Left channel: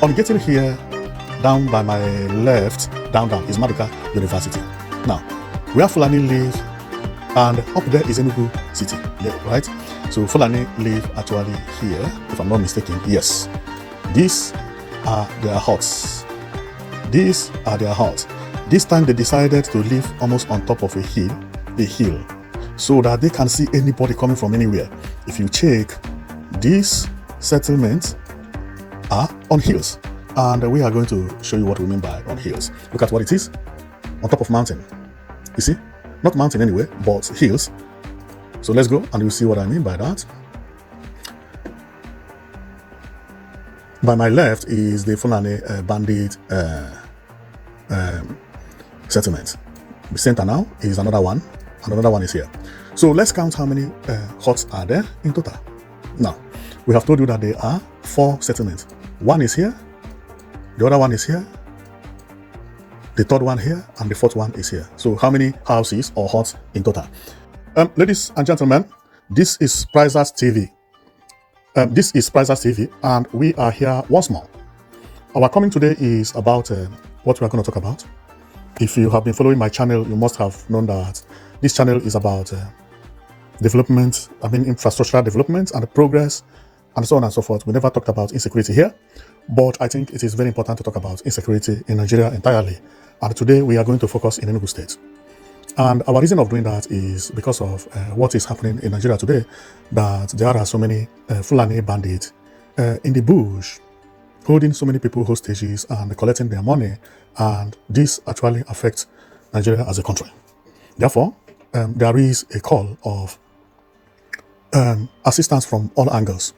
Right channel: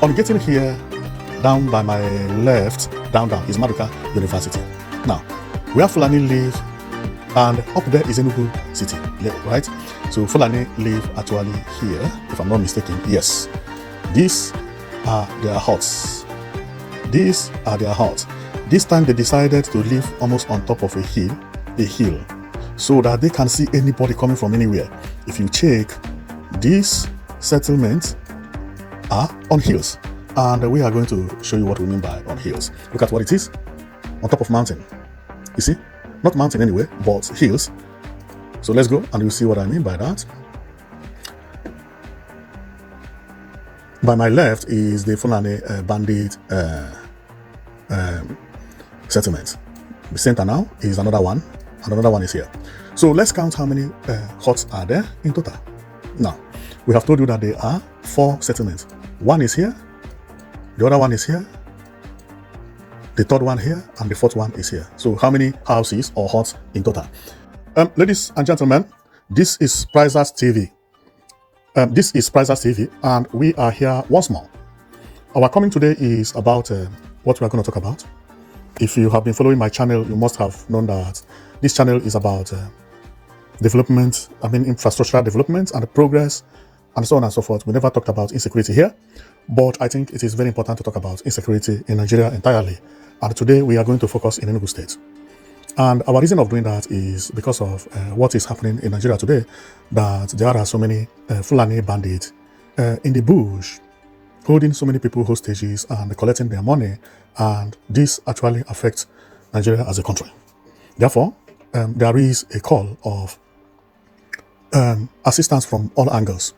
On getting here, down by my left, down is Maduka University. Now, where Fulani live, and up there is Enugu City, right? So Fulani live actually here, if I'm not mistaken. Yes, these are their huts. These are their huts. This time they decided to live almost on top of a hill, so that they can see anybody coming from anywhere. If you check, these settlements are on hills, and we are going to show you what we mean by on hills. Look at what it is, on top of mountain. You see, not mountain anyway, but hills. So let's go and you'll see what I mean by that. By my left is the Fulani Bandit settlement. The center now is another one, and another one is here. So let's count how many huts are there in total. Now, we have told you that there are 4 settlements. One is here, the other one is here, the third one here, and the fourth one is here. So how many houses or huts in total? Ladies and gentlemen, this is Prizers TV. This is Prizers TV, and we are here once more. Our coming today is about what we are going to talk about. If you have been following my channel, you must have known that this channel is about development, infrastructural development and progress, and so on and so forth. We never talked about insecurity here, but I think it is very important to talk about insecurity in Nigeria entirely. And today we are going to focus in Enugu State. And our reason of doing that is because of what is happening in Nigeria today, that there are so many Fulani bandits in the bush, holding so many people hostages and collecting their money, and this actually affects Nigeria as a country. Therefore, there is a call of assistance from all angles.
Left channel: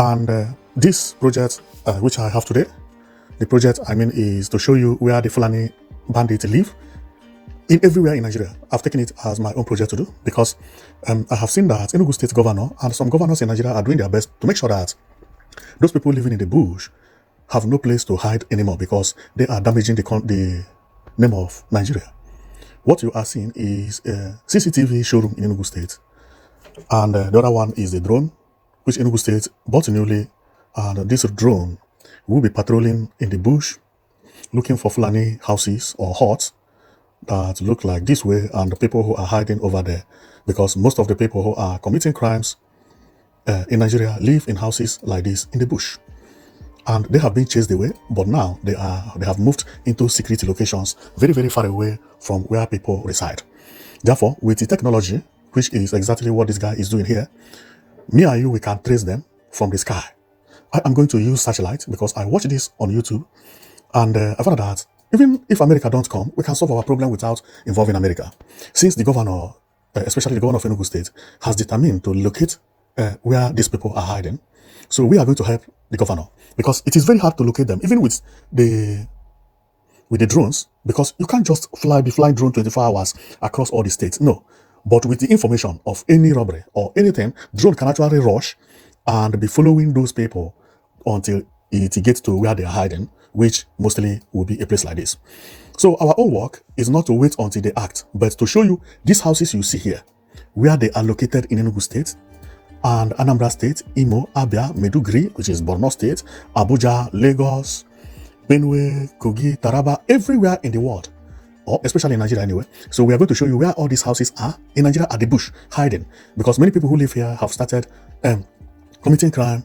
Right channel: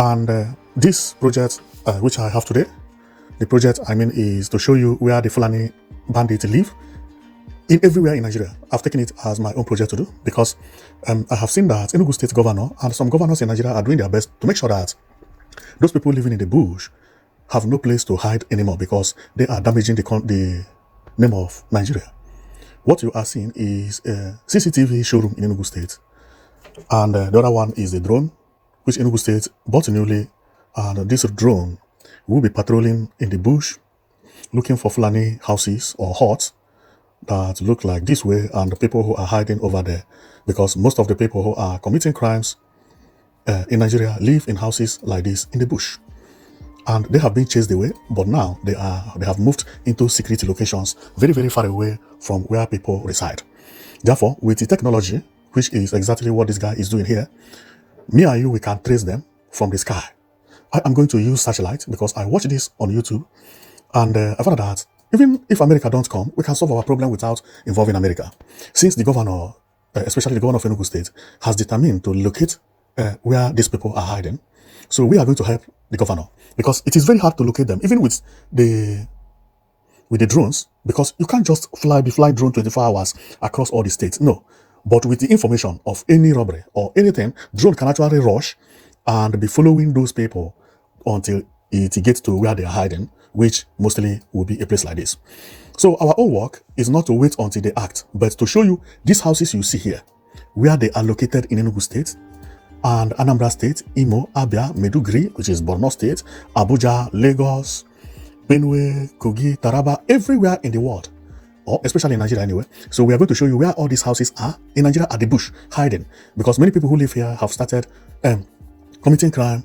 And this project, which I have today, the project is to show you where the Fulani bandits live in everywhere in Nigeria. I've taken it as my own project to do because I have seen that Enugu State governor and some governors in Nigeria are doing their best to make sure that those people living in the bush have no place to hide anymore because they are damaging the name of Nigeria. What you are seeing is a CCTV showroom in Enugu State, and the other one is a drone which Enugu State bought newly, and this drone will be patrolling in the bush looking for Fulani houses or huts that look like this way and the people who are hiding over there, because most of the people who are committing crimes in Nigeria live in houses like this in the bush, and they have been chased away, but now they have moved into security locations very, very far away from where people reside. Therefore, with the technology, which is exactly what this guy is doing here, me and you, we can trace them from the sky. I am going to use satellite because I watched this on YouTube, and I found that even if America don't come, we can solve our problem without involving America. Since the governor, especially the governor of Enugu State, has determined to locate where these people are hiding, so we are going to help the governor, because it is very hard to locate them, even with the drones, because you can't just fly drone 24 hours across all the states. No, but with the information of any robbery or anything, drone can actually rush and be following those people until it gets to where they are hiding, which mostly will be a place like this. So our own work is not to wait until they act, but to show you these houses you see here, where they are located in Enugu State and Anambra State, Imo, Abia, Meduguri, which is Borno State, Abuja, Lagos, Benue, Kogi, Taraba, everywhere in the world, especially in Nigeria anyway. So we are going to show you where all these houses are in Nigeria at the bush, hiding, because many people who live here have started committing crime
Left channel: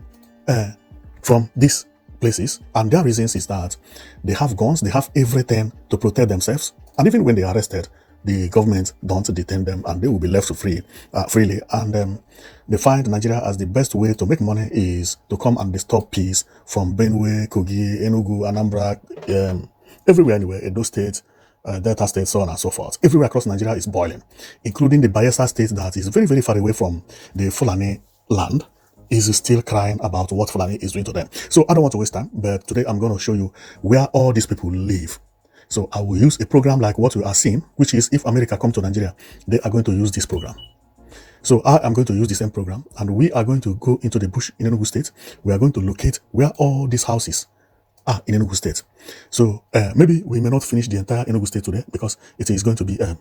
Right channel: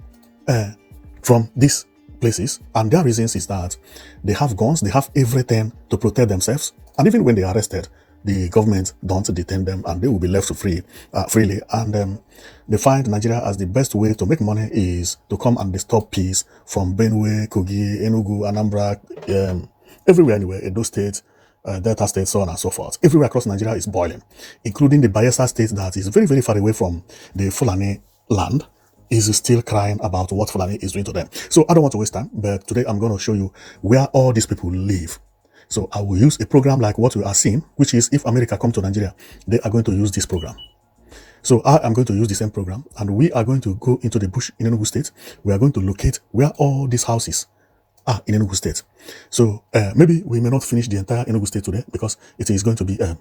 from these places, and their reasons is that they have guns, they have everything to protect themselves, and even when they are arrested, the government don't detain them and they will be left freely. And they find Nigeria as the best way to make money is to come and disturb peace from Benue, Kogi, Enugu, Anambra, everywhere anywhere, Edo State, Delta State, so on and so forth. Everywhere across Nigeria is boiling, including the Bayelsa State that is very, very far away from the Fulani land, is still crying about what Fulani is doing to them. So I don't want to waste time, but today I'm going to show you where all these people live. So I will use a program like what you are seeing, which is if America comes to Nigeria, they are going to use this program. So I am going to use the same program, and we are going to go into the bush in Enugu State. We are going to locate where all these houses are in Enugu State. So maybe we may not finish the entire Enugu State today because it is going to be a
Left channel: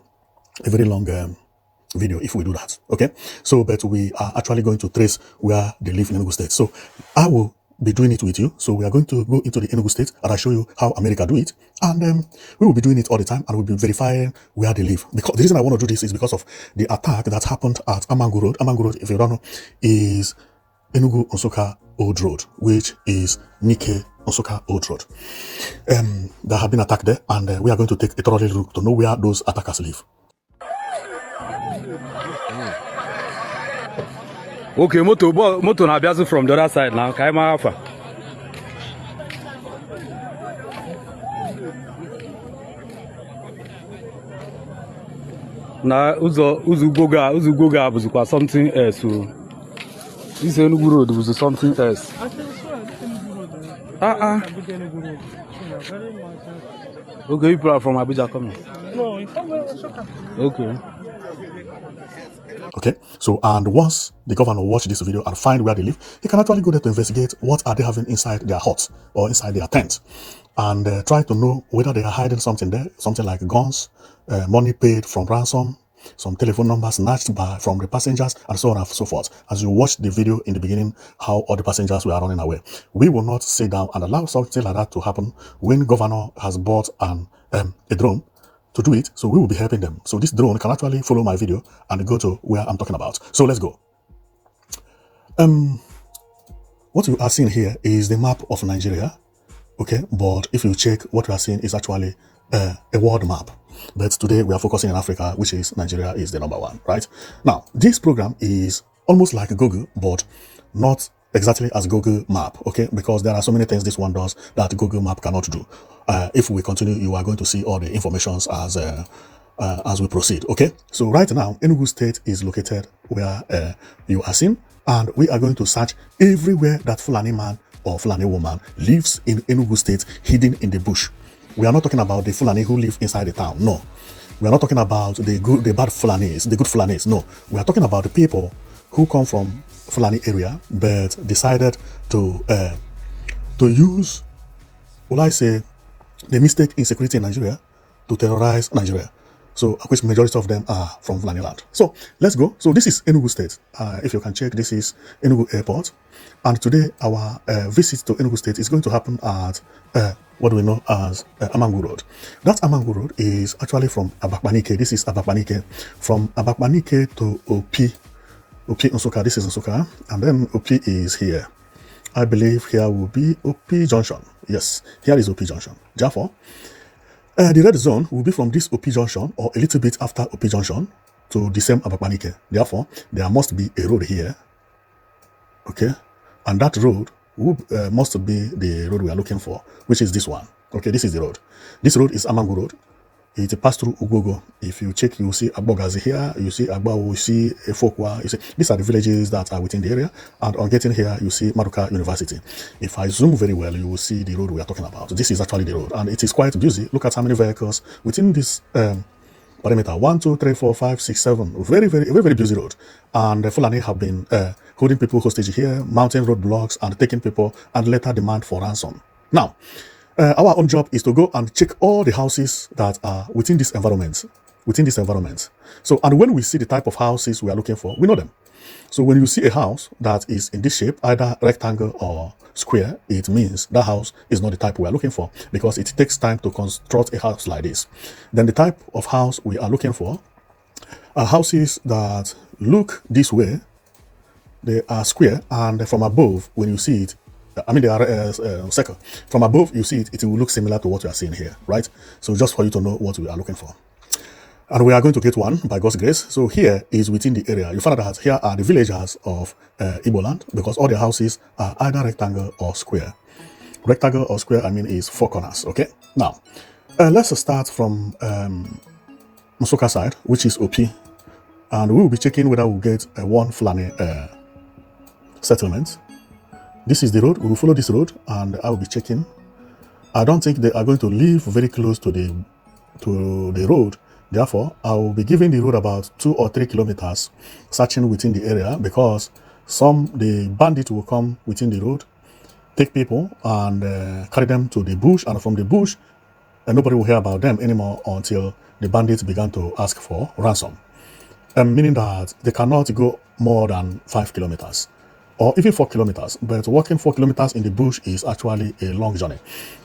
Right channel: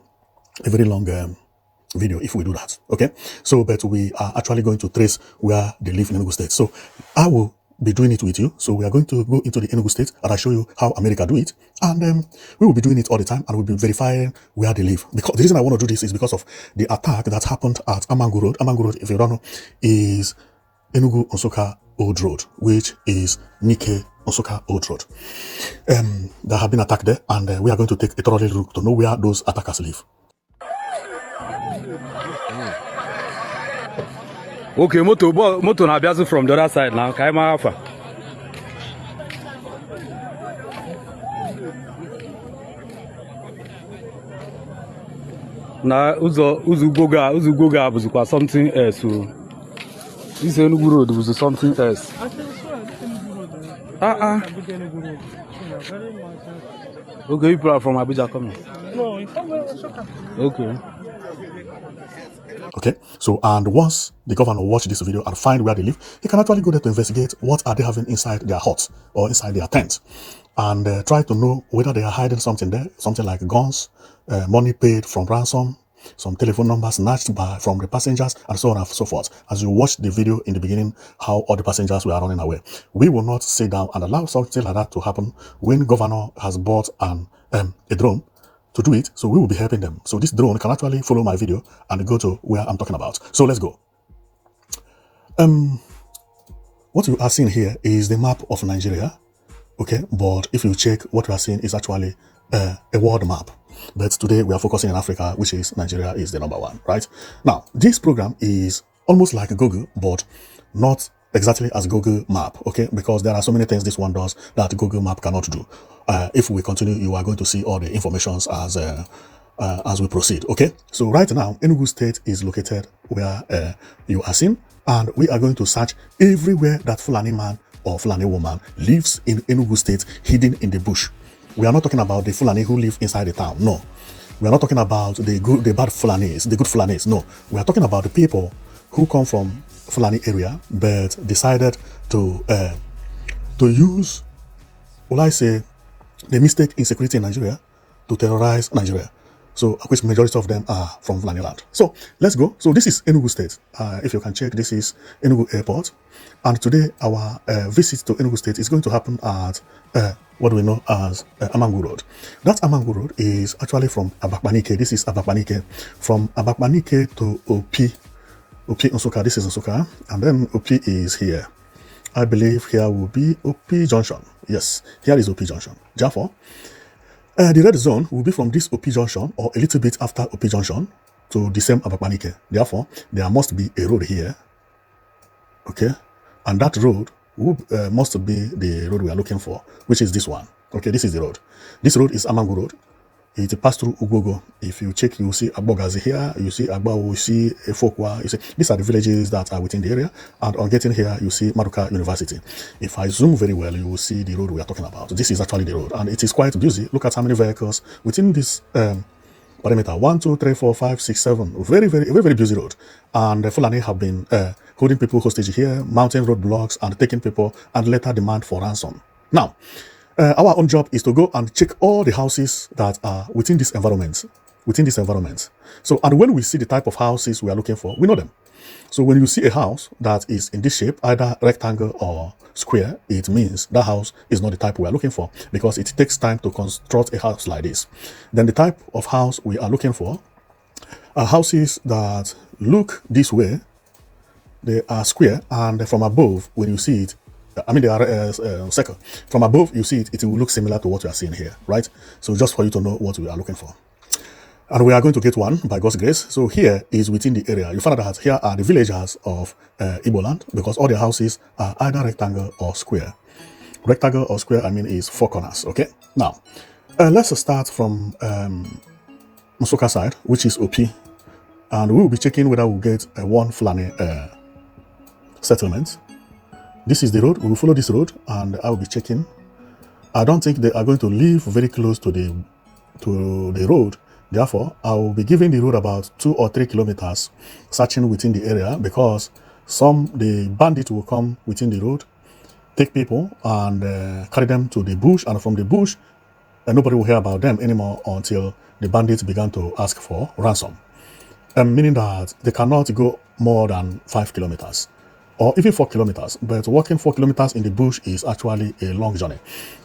very long video if we do that. Okay, so but we are actually going to trace where they live in Enugu State. So I will be doing it with you. So we are going to go into the Enugu state and I'll show you how America do it. And we will be doing it all the time and we'll be verifying where they live. Because the reason I want to do this is because of the attack that happened at Amangu Road. Amangu Road, if you don't know, is Enugu Nsukka Old Road, which is Nike Nsukka Old Road. That have been attacked there, and we are going to take a thorough look to know where those attackers live. Okay, moto na abiazu from the other side now. Kaima Alpha. Na Ugwogo buzikwa something else. So this Enugu road was something else. Okay, people are from Abuja coming. No, it's from Nsukka. Okay. Okay, so and once the governor watch this video and find where they live, he can actually go there to investigate what are they having inside their huts or inside their tents, and try to know whether they are hiding something there, something like guns, money paid from ransom, some telephone numbers snatched from the passengers, and so on and so forth. As you watch the video in the beginning, how all the passengers were running away. We will not sit down and allow something like that to happen when governor has bought a drone to do it, so we will be helping them. So this drone can actually follow my video and go to where I'm talking about. So let's go. What you are seeing here is the map of Nigeria, okay? But if you check, what we are seeing is actually a world map. But today we are focusing on Africa, which is Nigeria is the number one, right? Now, this program is almost like Google, but not exactly as Google Map, okay? Because there are so many things this one does that Google Map cannot do. If we continue, you are going to see all the information as we proceed, okay? So right now, Enugu State is located where you are seeing, and we are going to search everywhere that Fulani man or Fulani woman lives in Enugu State, hidden in the bush. We are not talking about the Fulani who live inside the town, no. We are not talking about the bad Fulanis, the good Fulanis, no. We are talking about the people who come from Fulani area but decided to use, when I say, they mistake insecurity in Nigeria to terrorize Nigeria. So, which majority of them are from Fulani land. So, let's go. So, this is Enugu State. If you can check, this is Enugu Airport. And today, our visit to Enugu State is going to happen at what do we know as Amangu Road. That Amangu Road is actually from Abakmanike. This is Abakmanike. From Abakmanike to Opi Nsukka. This is Nsukka. And then Opi is here. I believe here will be Opi Junction. Yes, here is Opi Junction. Therefore, the red zone will be from this Opi Junction or a little bit after Opi Junction to the same Abakmanike. Therefore, there must be a road here. Okay, and that road must be the road we are looking for, which is this one. Okay, this is the road. This road is Amangu Road. It passes through Ugwogo. If you check, you'll see Agbogazi here, you see Agbawo, you see Fokwa, you see these are the villages that are within the area. And on getting here, you see Maduka University. If I zoom very well, you will see the road we are talking about. This is actually the road, and it is quite busy. Look at how many vehicles within this perimeter. 1, 2, 3, 4, 5, 6, 7. Very, very busy road. And the Fulani have been holding people hostage here, mounting roadblocks, and taking people, and later demand for ransom. Now, our own job is to go and check all the houses that are within this environment. So, and when we see the type of houses we are looking for, we know them. So when you see a house that is in this shape, either rectangle or square, it means that house is not the type we are looking for, because it takes time to construct a house like this. Then the type of house we are looking for are houses that look this way. They are square, and from above, when you see it, I mean, they are circle. From above, you see it, it will look similar to what you are seeing here, right? So just for you to know what we are looking for. And we are going to get one by God's grace. So here is within the area. You find out that here are the villagers of Igbo land, because all the houses are either rectangle or square. Rectangle or square, I mean, is 4 corners, okay? Now, let's start from Nsukka side, which is OP. And we will be checking whether we'll get one Fulani settlement. This is the road. We'll follow this road, and I will be checking. I don't think they are going to live very close to the road. Therefore, I will be giving the road about 2 or 3 kilometers, searching within the area, because soon the bandit will come within the road, take people, and carry them to the bush, and from the bush, and nobody will hear about them anymore until the bandits began to ask for ransom. Meaning that they cannot go more than 5 kilometers. or even 4 kilometers. But walking 4 kilometers in the bush is actually a long journey.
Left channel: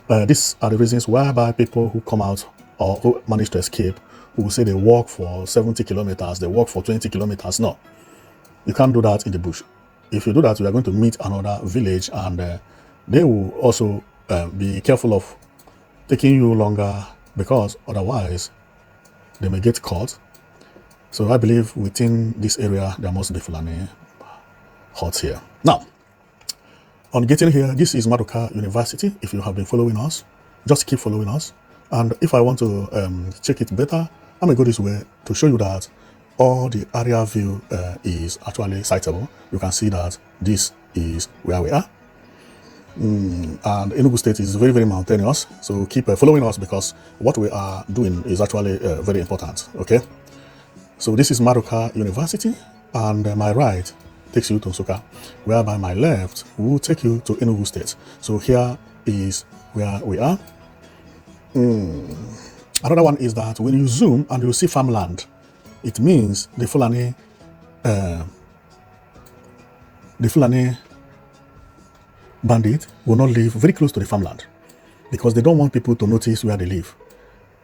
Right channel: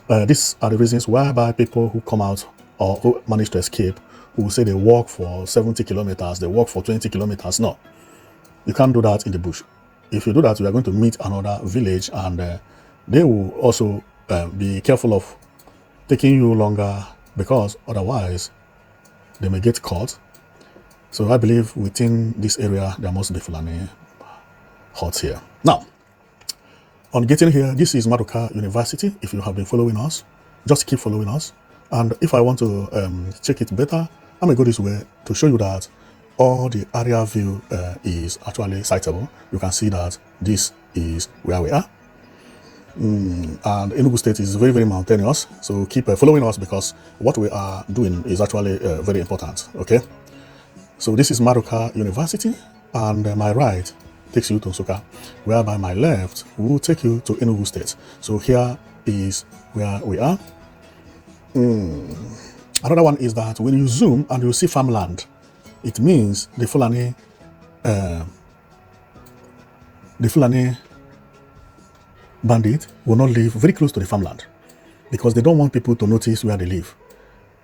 These are the reasons whereby people who come out or who manage to escape who say they walk for 70 kilometers, they walk for 20 kilometers. No, you can't do that in the bush. If you do that, you are going to meet another village, and they will also be careful of taking you longer, because otherwise they may get caught. So I believe within this area there must be Fulani huts here. Now, on getting here, this is Maduka University. If you have been following us, just keep following us. And if I want to check it better, I might go this way to show you that all the area view is actually sightable. You can see that this is where we are. And Enugu State is very, very mountainous. So keep following us, because what we are doing is actually very important. Okay. So this is Maduka University, and my right takes you to Nsukka, whereby my left will take you to Enugu State. So here is where we are. Another one is that when you zoom and you see farmland, it means the Fulani bandit will not live very close to the farmland, because they don't want people to notice where they live.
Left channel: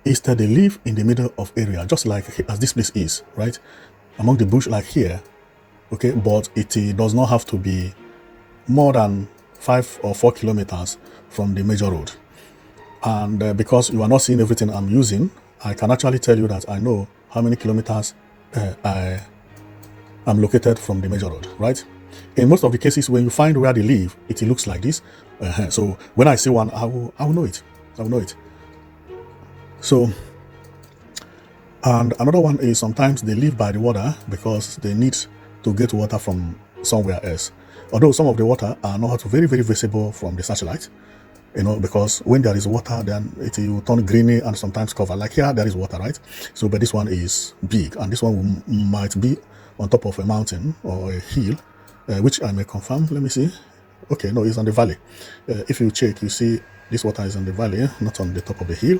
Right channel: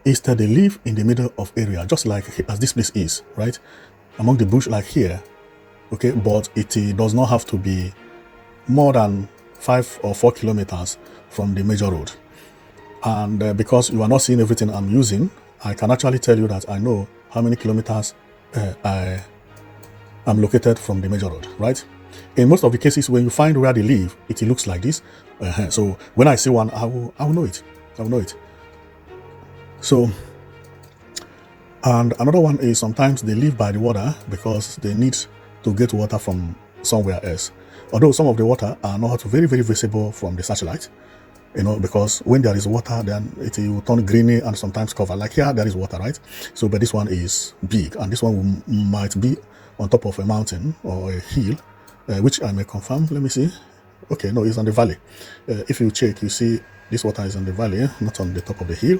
Instead, they live in the middle of area, just like as this place is, right? Among the bush, like here, okay? But it does not have to be more than 5 or 4 kilometers from the major road. And because you are not seeing everything I'm using, I can actually tell you that I know how many kilometers I am located from the major road, right? In most of the cases, when you find where they live, it looks like this. So when I see one, I will know it. I will know it. So, and another one is sometimes they live by the water because they need to get water from somewhere else. Although some of the water are not very, very visible from the satellite, because when there is water, then it will turn greeny and sometimes cover. Like here, there is water, right? So, but this one is big, and this one might be on top of a mountain or a hill, which I may confirm. Let me see. Okay, no, it's on the valley. If you check, you see this water is on the valley, not on the top of the hill.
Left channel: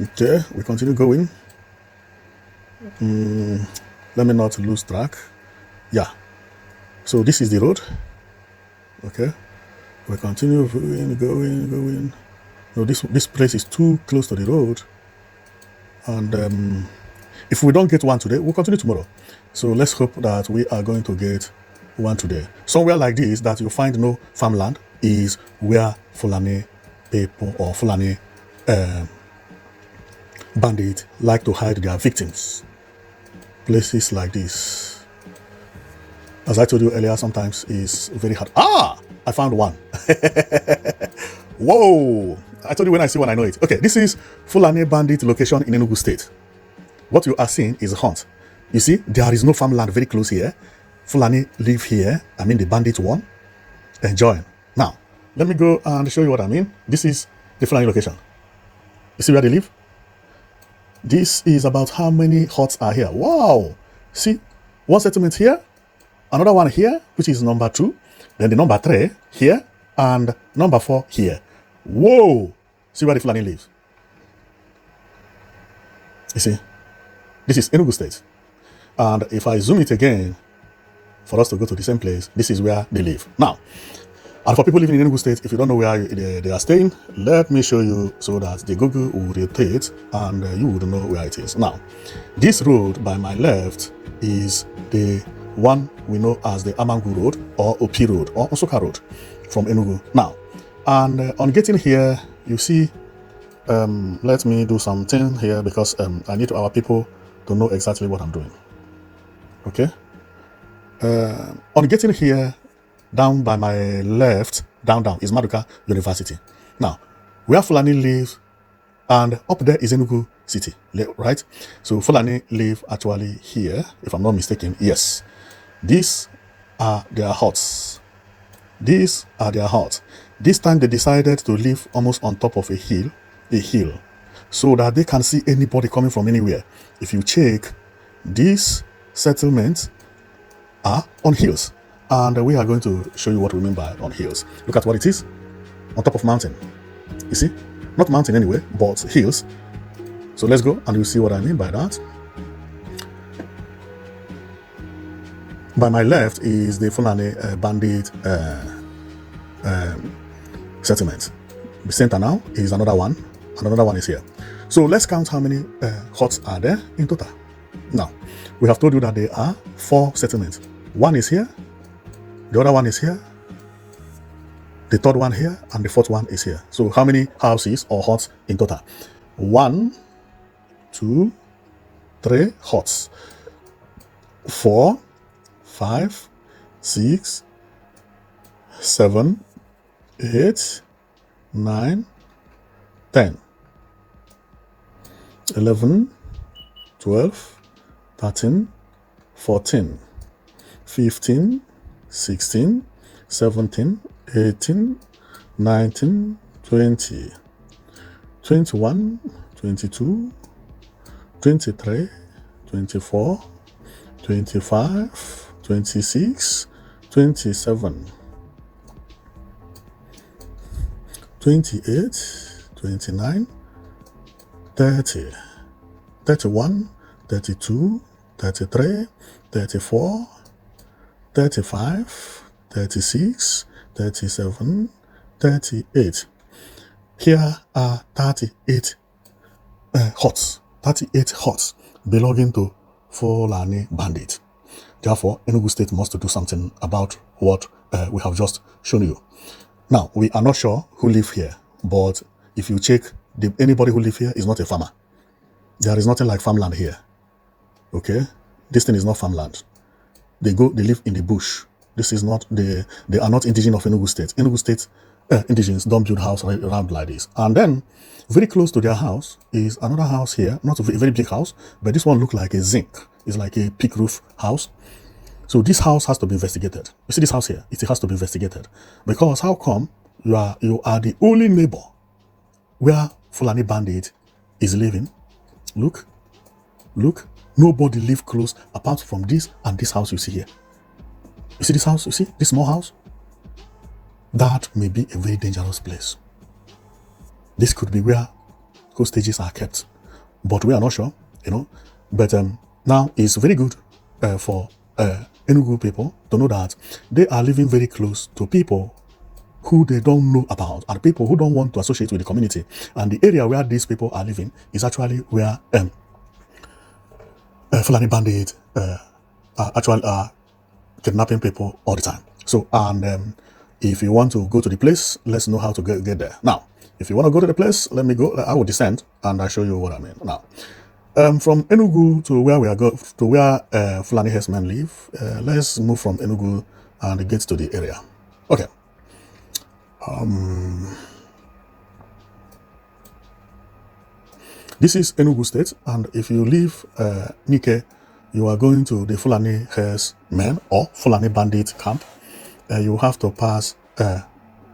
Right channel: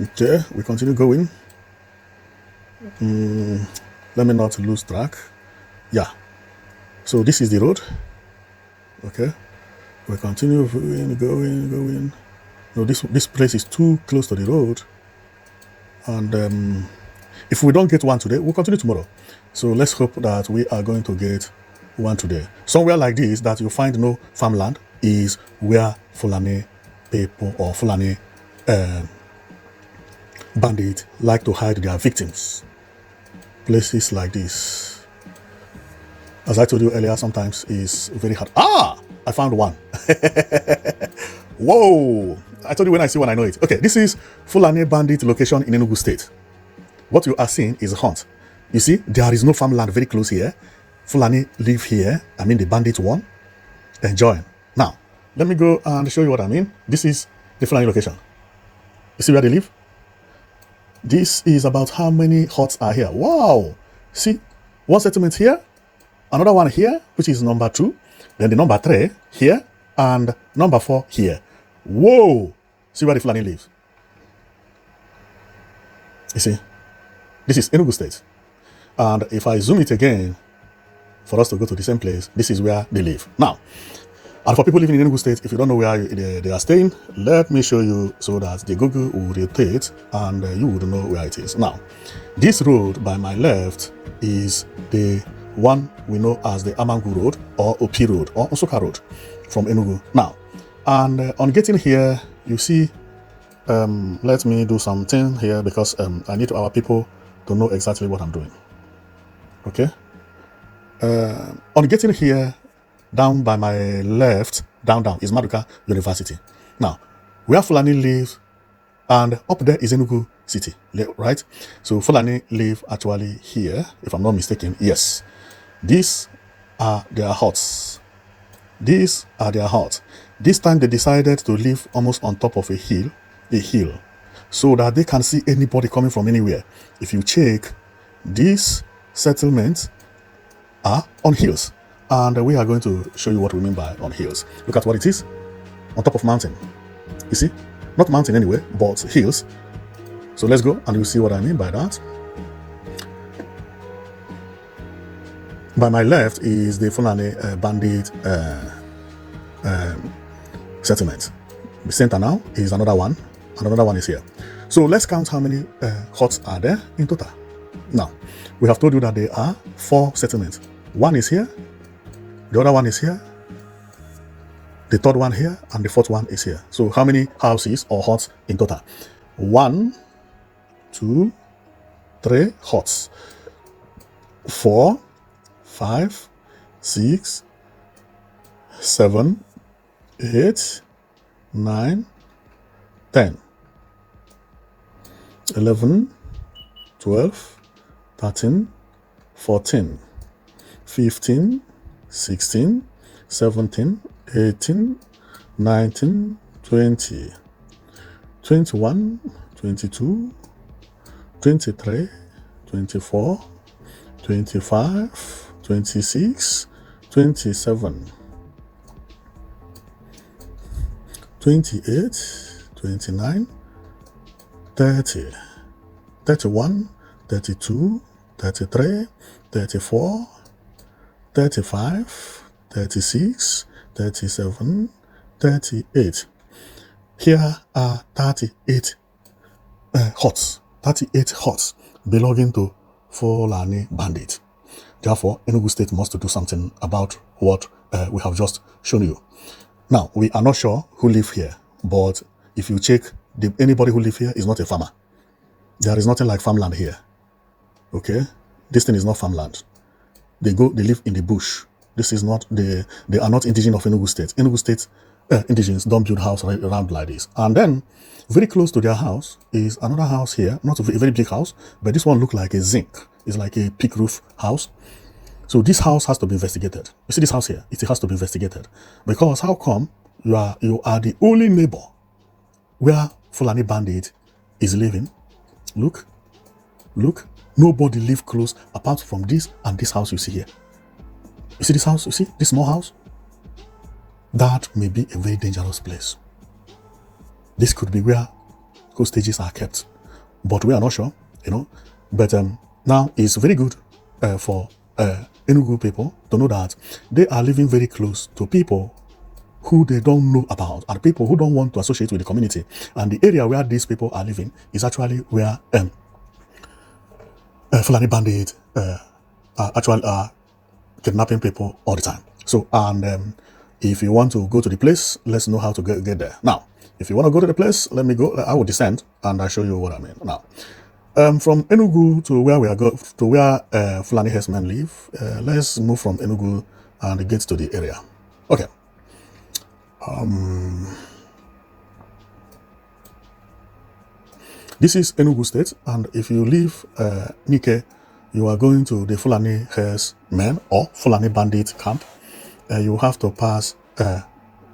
Okay, we continue going. Let me not lose track. Yeah. So this is the road. Okay. We continue going. No, this place is too close to the road. And if we don't get one today, we'll continue tomorrow. So let's hope that we are going to get one today. Somewhere like this that you find no farmland is where Fulani people or Fulani bandits like to hide their victims. Places like this, as I told you earlier, sometimes is very hard. I found one. Whoa! I told you when I see one, I know it. Okay, this is Fulani Bandit location in Enugu State. What you are seeing is a hunt. You see, there is no farmland very close here. Fulani live here. I mean, the bandit one. Enjoy. Now, let me go and show you what I mean. This is the Fulani location. You see where they live? This is about how many huts are here. Wow! See, one settlement here, another one here, which is number 2, then the number 3 here, and number 4 here. Whoa! See where the Fulani lives. You see, this is Enugu State. And if I zoom it again, for us to go to the same place, this is where they live. Now, and for people living in Enugu State, if you don't know where they are staying, let me show you so that the Google will rotate and you would know where it is. Now, this road by my left is the one we know as the Amangu Road or Opi Road or Nsukka Road from Enugu. Now, and on getting here, you see, let me do something here because I need our people to know exactly what I'm doing. Okay? On getting here, down by my left, down is Maduka University. Now, where Fulani live, and up there is Enugu City, right? So Fulani live actually here, if I'm not mistaken. Yes, these are their huts. These are their huts. This time they decided to live almost on top of a hill, so that they can see anybody coming from anywhere. If you check, these settlements are on hills. And we are going to show you what we mean by on hills. Look at what it is. On top of mountain. You see? Not mountain anyway, but hills. So let's go and you'll see what I mean by that. by my left is the Fulani Bandit settlement. The center now is another one, and another one is here. So let's count how many huts are there in total. Now, we have told you that there are 4 settlements. One is here, the other one is here, the third one here, and the fourth one is here. So how many houses or huts in total? 1, 2, 3 huts. 4, 5, 6, 7, 8, 9, 10, 11, 12, 13, 14, 15, 16, 17, 18, 19, 20, 21, 22, 23, 24, 25, 26, 27, 28, 29, 30, 31, 32, 33, 34, 35, 36, 37, 38. Here are 38 huts. 38 huts belonging to Fulani Bandit. Therefore, Enugu State must do something about what we have just shown you. Now, we are not sure who live here, but if you check, anybody who live here is not a farmer. There is nothing like farmland here. Okay? This thing is not farmland. They live in the bush. This is not, they are not indigenous of Enugu State. Enugu State indigenous don't build house around like this. And then, very close to their house is another house here. Not a very big house, but this one looks like a zinc. It's like a peak roof house. So this house has to be investigated. You see this house here? It has to be investigated. Because how come you are the only neighbor where Fulani Bandit is living? Look. Nobody live close apart from this and this house you see here. You see this house? You see this small house? That may be a very dangerous place. This could be where hostages are kept, but we are not sure, But now it's very good for Enugu people to know that they are living very close to people who they don't know about, and people who don't want to associate with the community. And the area where these people are living is actually where Fulani Bandit actually are kidnapping people all the time. So, and if you want to go to the place, let's know how to get there. Now, if you want to go to the place, let me go. I will descend and I'll show you what I mean. Now, from Enugu to where we are going, to where Fulani herdsmen live, let's move from Enugu and get to the area. Okay. This is Enugu State, and if you leave Nike, you are going to the Fulani herdsmen or Fulani Bandit camp. You have to pass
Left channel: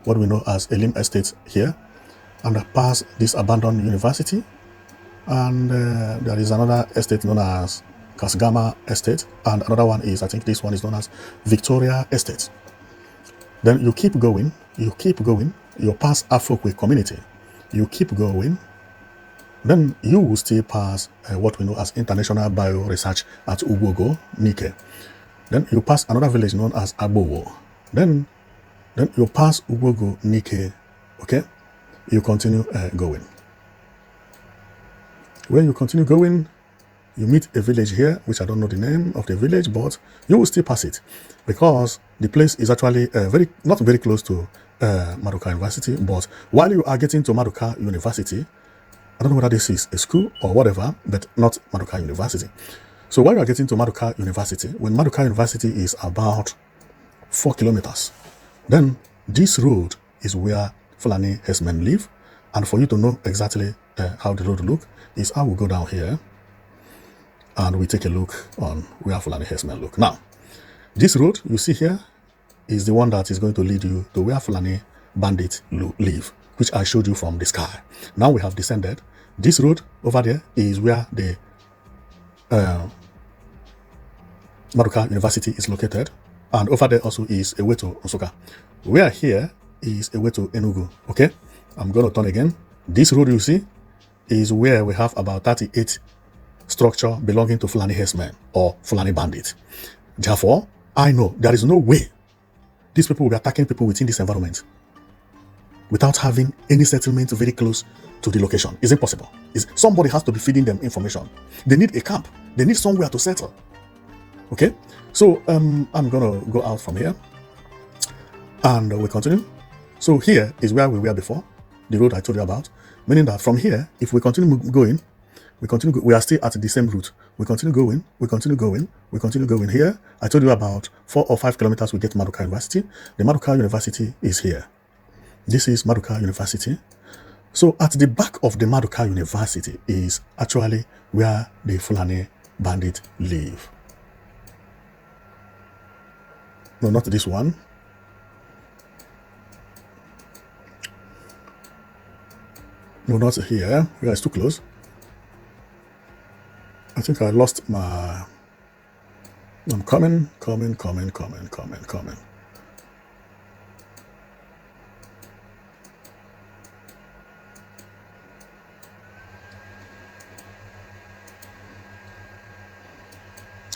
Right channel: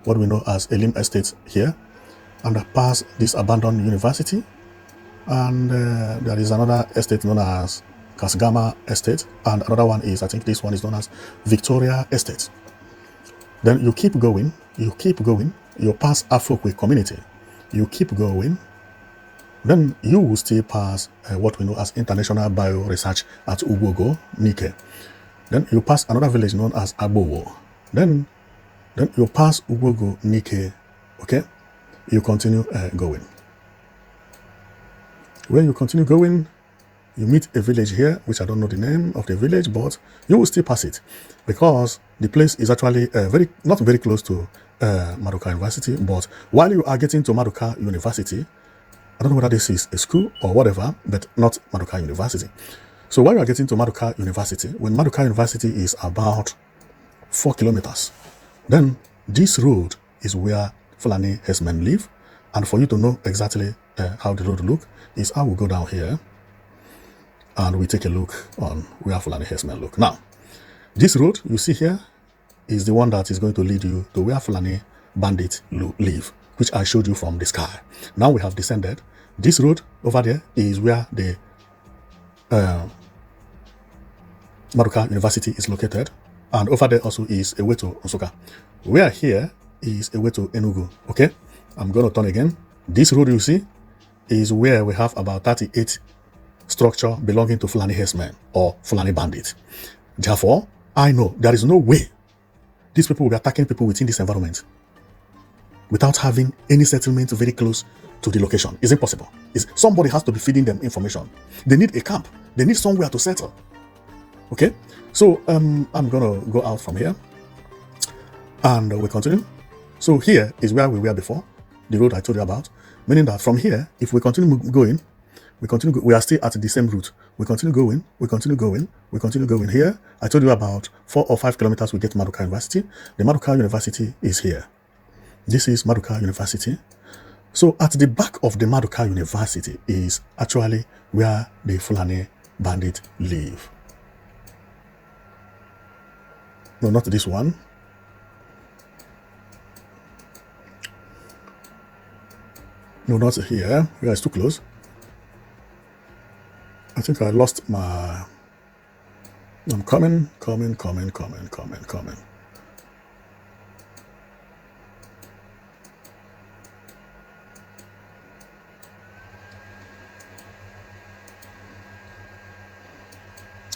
what we know as Elim Estate here, and pass this abandoned university. And there is another estate known as Kasgama Estate, and another one is, I think this one is known as Victoria Estate. Then you keep going, you pass Afrokwe community, you keep going, then you will still pass what we know as International Bio Research at Ugwogo, Nike. Then you pass another village known as Agbowo. Then you pass Ugwogo, Nike, okay? You continue going. When you continue going, you meet a village here, which I don't know the name of the village, but you will still pass it because the place is actually not very close to Maduka University. But while you are getting to Maduka University, I don't know whether this is a school or whatever, but not Maduka University. So while you are getting to Maduka University, when Maduka University is about 4 kilometers, then this road is where Fulani herdsmen live. And for you to know exactly how the road look, is I will go down here and we take a look on where Fulani herdsmen look. Now, this road you see here is the one that is going to lead you to where Fulani Bandit live, which I showed you from the sky. Now we have descended. This road over there is where the Maduka University is located, and over there also is a way to Nsukka. Where here is a way to Enugu. Okay, I'm going to turn again. This road you see is where we have about 38 structure belonging to Fulani herdsmen or Fulani Bandits. Therefore, I know there is no way these people will be attacking people within this environment without having any settlement very close to the location. Is it possible? Somebody has to be feeding them information. They need a camp. They need somewhere to settle. Okay? So I'm gonna go out from here and we'll continue. So here is where we were before, the road I told you about. Meaning that from here, if we continue going, we are still at the same route. We continue going, we continue going. Here, I told you about 4 or 5 kilometers we get to Maduka University. The Maduka University is here. This is Maduka University. So at the back of the Maduka University is actually where the Fulani Bandit live. No, not this one. No, not here. Yeah, it's too close. I think I lost my... I'm coming.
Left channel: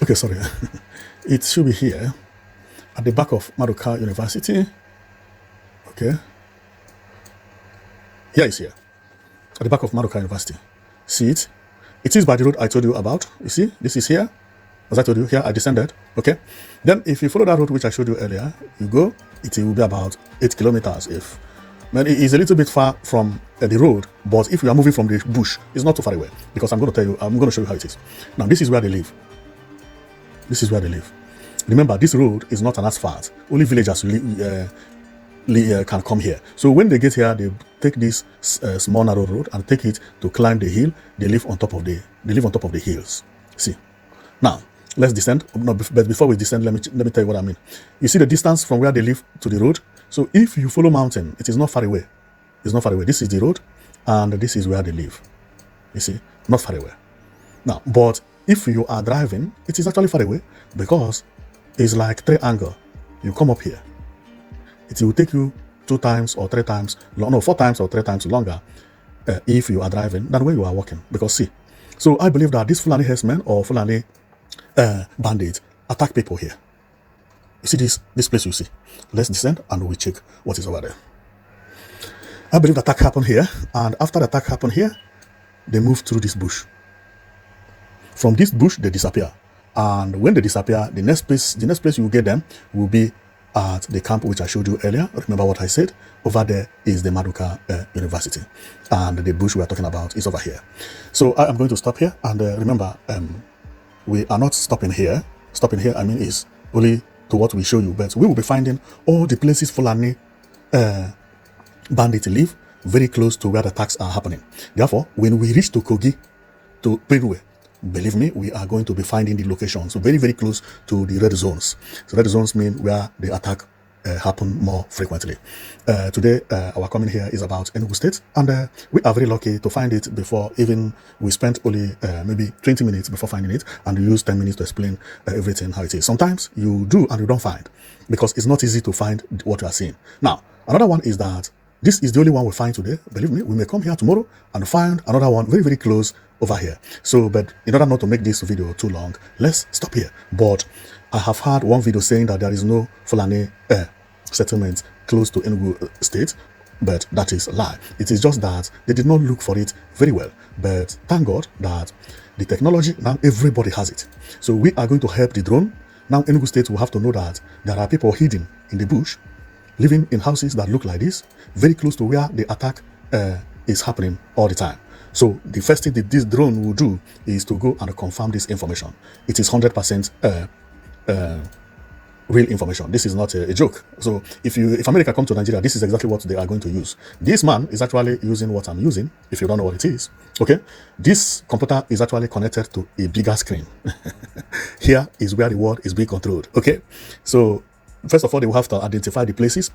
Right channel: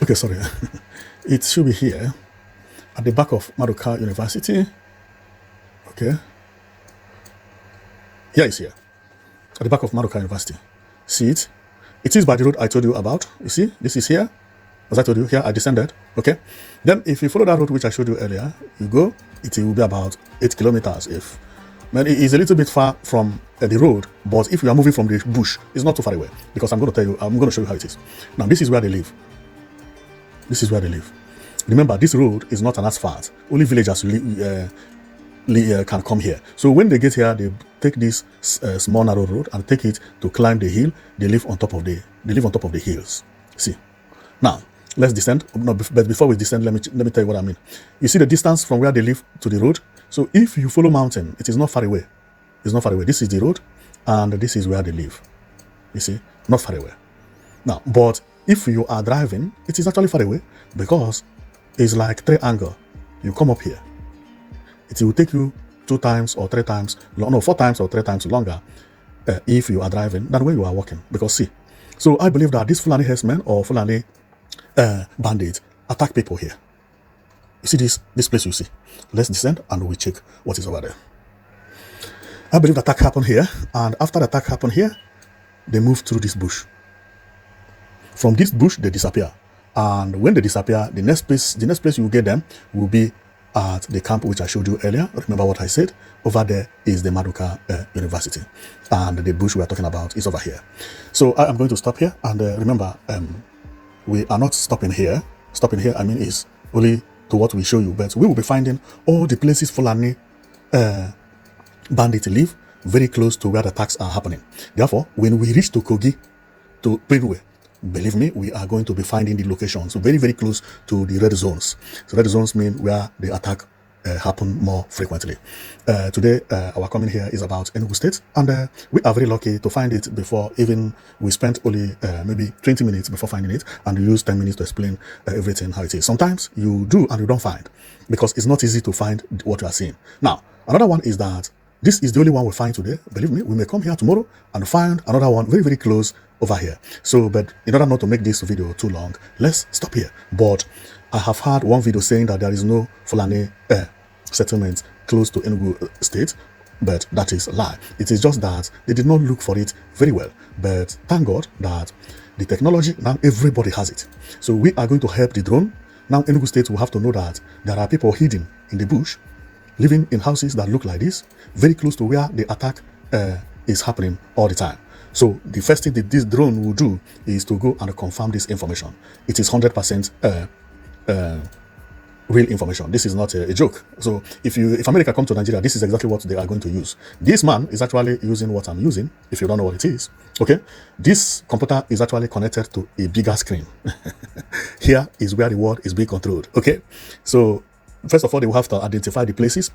Okay, sorry. It should be here at the back of Maduka University. Okay. Here it's here. At the back of Maduka University. See it? It is by the road I told you about. You see? This is here. As I told you, here I descended. Okay. Then if you follow that road which I showed you earlier, you go, it will be about 8 kilometers. But it is a little bit far from the road. But if you are moving from the bush, it's not too far away. Because I'm going to show you how it is. Now, this is where they live. This is where they live. Remember, this road is not an asphalt. Only villagers can come here. So when they get here, they take this small narrow road and take it to climb the hill. They live on top of the hills. See. Now, let's descend. No, but before we descend, let me tell you what I mean. You see the distance from where they live to the road? So if you follow mountain, it is not far away. It's not far away. This is the road, and this is where they live. You see? Not far away. Now, but if you are driving, it is actually far away because it's like 3 angle. You come up here. It will take you 4 times or 3 times longer if you are driving than when you are walking. Because see, so I believe that this Fulani herdsmen or Fulani bandits attack people here. See this place you see. Let's descend and we check what is over there. I believe the attack happened here, and after the attack happened here, they move through this bush. From this bush, they disappear. And when they disappear, the next place you will get them will be at the camp which I showed you earlier. Remember what I said? Over there is the Maduka University. And the bush we are talking about is over here. So I am going to stop here. And remember, we are not stopping here. Stopping here, I mean, is only to what we show you. But we will be finding all the places Fulani bandits live very close to where the attacks are happening. Therefore, when we reach to Kogi, to Benue, believe me, we are going to be finding the locations very, very close to the red zones. So red zones mean where the attack happen more frequently. Today, our coming here is about Enugu State, and we are very lucky to find it before even we spent only maybe 20 minutes before finding it, and you use 10 minutes to explain everything how it is. Sometimes you do and you don't find, because it's not easy to find what you are seeing. Now, another one is that this is the only one we find today. Believe me, we may come here tomorrow and find another one very, very close over here. So, but in order not to make this video too long, let's stop here. But I have heard one video saying that there is no Fulani settlement close to Enugu State, but that is a lie. It is just that they did not look for it very well. But thank God that the technology, now everybody has it. So we are going to help the drone. Now Enugu State will have to know that there are people hidden in the bush, living in houses that look like this, very close to where the attack is happening all the time. So the first thing that this drone will do is to go and confirm this information. It is 100% real information. This is not a joke. So if America come to Nigeria, this is exactly what they are going to use. This man is actually using what I'm using, if you don't know what it is. Okay? This computer is actually connected to a bigger screen. Here is where the world is being controlled. Okay? So first of all, they will have to identify the places,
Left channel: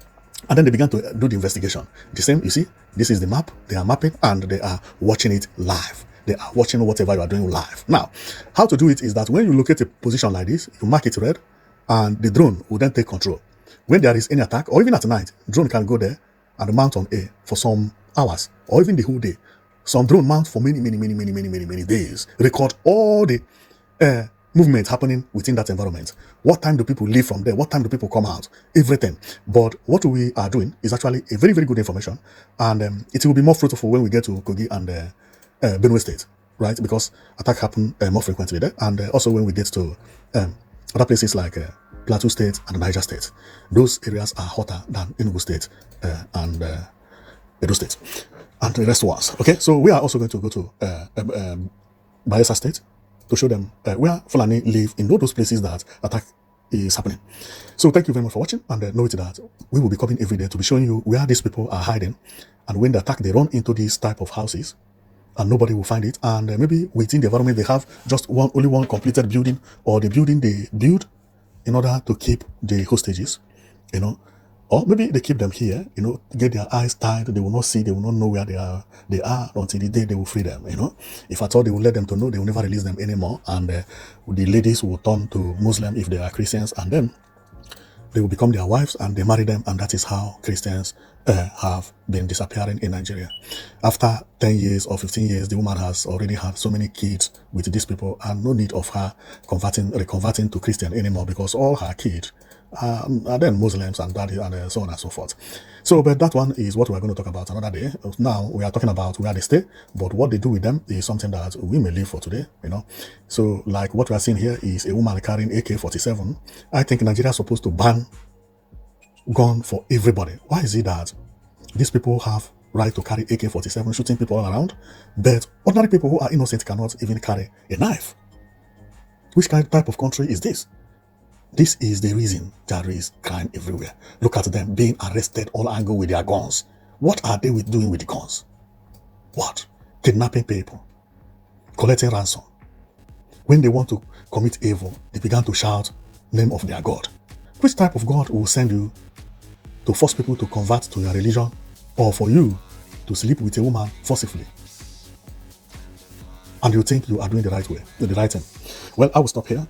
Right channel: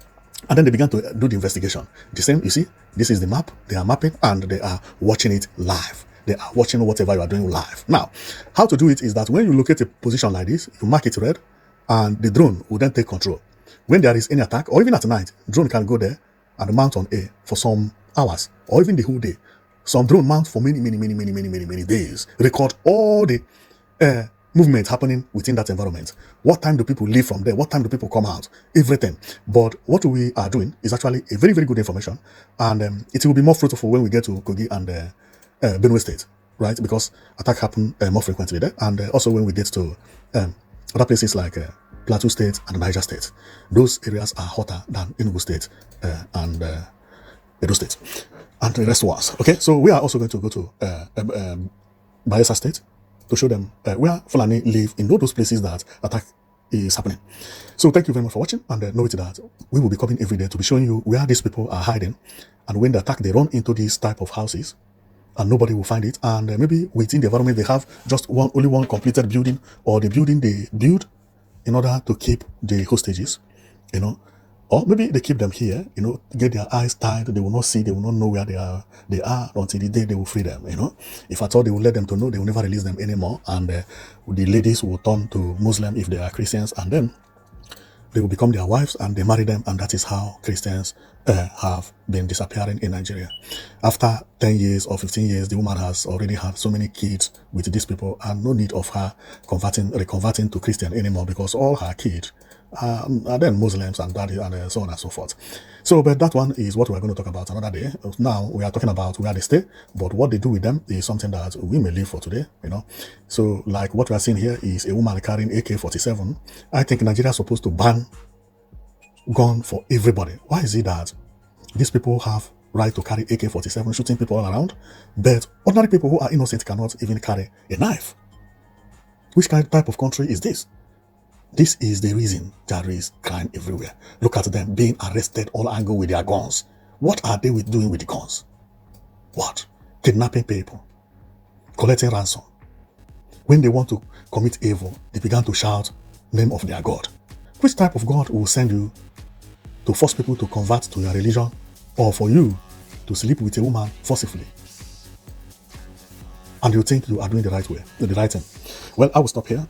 and then they began to do the investigation. The same, you see, this is the map. They are mapping and they are watching it live. They are watching whatever you are doing live. Now, how to do it is that when you locate a position like this, you mark it red, and the drone will then take control. When there is any attack, or even at night, drone can go there and mount on A for some hours, or even the whole day. Some drone mount for many days, record all the movement happening within that environment. What time do people leave from there? What time do people come out? Everything. But what we are doing is actually a very, very good information, and it will be more fruitful when we get to Kogi and Benue State, right? Because attack happen more frequently there, and also when we get to other places like Plateau State and Niger State. Those areas are hotter than Enugu State and Edo State, and the rest was okay. So we are also going to go to Bayelsa State to show them where Fulani live in all those places that attack is happening. So thank you very much for watching, and note that we will be coming every day to be showing you where these people are hiding, and when they attack, they run into these type of houses, and nobody will find it. And maybe within the environment, they have just only one completed building, or the building they build in order to keep the hostages, you know. Or maybe they keep them here, you know, get their eyes tied. They will not see, they will not know where they are until the day they will free them, you know. If at all they will let them to know, they will never release them anymore. And the ladies will turn to Muslim if they are Christians, and then they will become their wives and they marry them. And that is how Christians have been disappearing in Nigeria. After 10 years or 15 years, the woman has already had so many kids with these people, and no need of her reconverting to Christian anymore, because all her kids are then Muslims and daddy and so on and so forth. So, but that one is what we're going to talk about another day. Now we are talking about where they stay, but what they do with them is something that we may leave for today, you know. So, like what we are seeing here is a woman carrying AK-47. I think Nigeria is supposed to ban gun for everybody. Why is it that these people have right to carry AK-47 shooting people around, but ordinary people who are innocent cannot even carry a knife? Which type of country is this? This is the reason there is crime everywhere. Look at them being arrested all angle with their guns. What are they doing with the guns? What? Kidnapping people, collecting ransom. When they want to commit evil, they began to shout name of their God. Which type of God will send you to force people to convert to your religion, or for you to sleep with a woman forcibly? And you think you are doing the right way, the right thing? Well, I will stop here.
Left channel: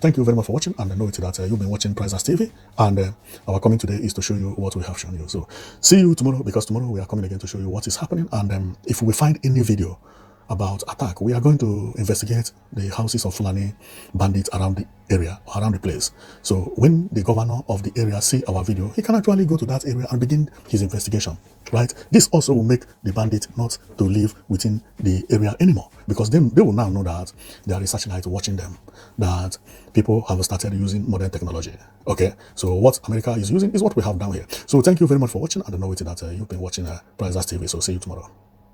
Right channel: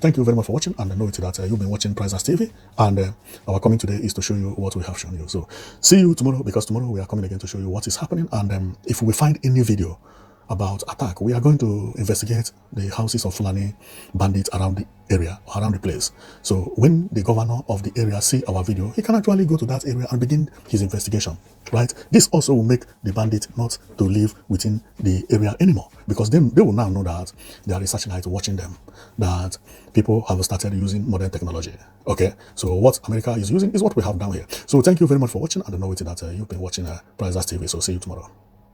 Thank you very much for watching, and I know that you've been watching Priceless TV, and our coming today is to show you what we have shown you. So, see you tomorrow, because tomorrow we are coming again to show you what is happening, and if we find any video about attack, we are going to investigate the houses of Fulani Bandits around the area, around the place. So when the governor of the area see our video, he can actually go to that area and begin his investigation, right? This also will make the bandit not to live within the area anymore, because then they will now know that there is such light watching them, that people have started using modern technology. Okay, so what America is using is what we have down here. So thank you very much for watching, and I know that you've been watching Priceless TV. So see you tomorrow.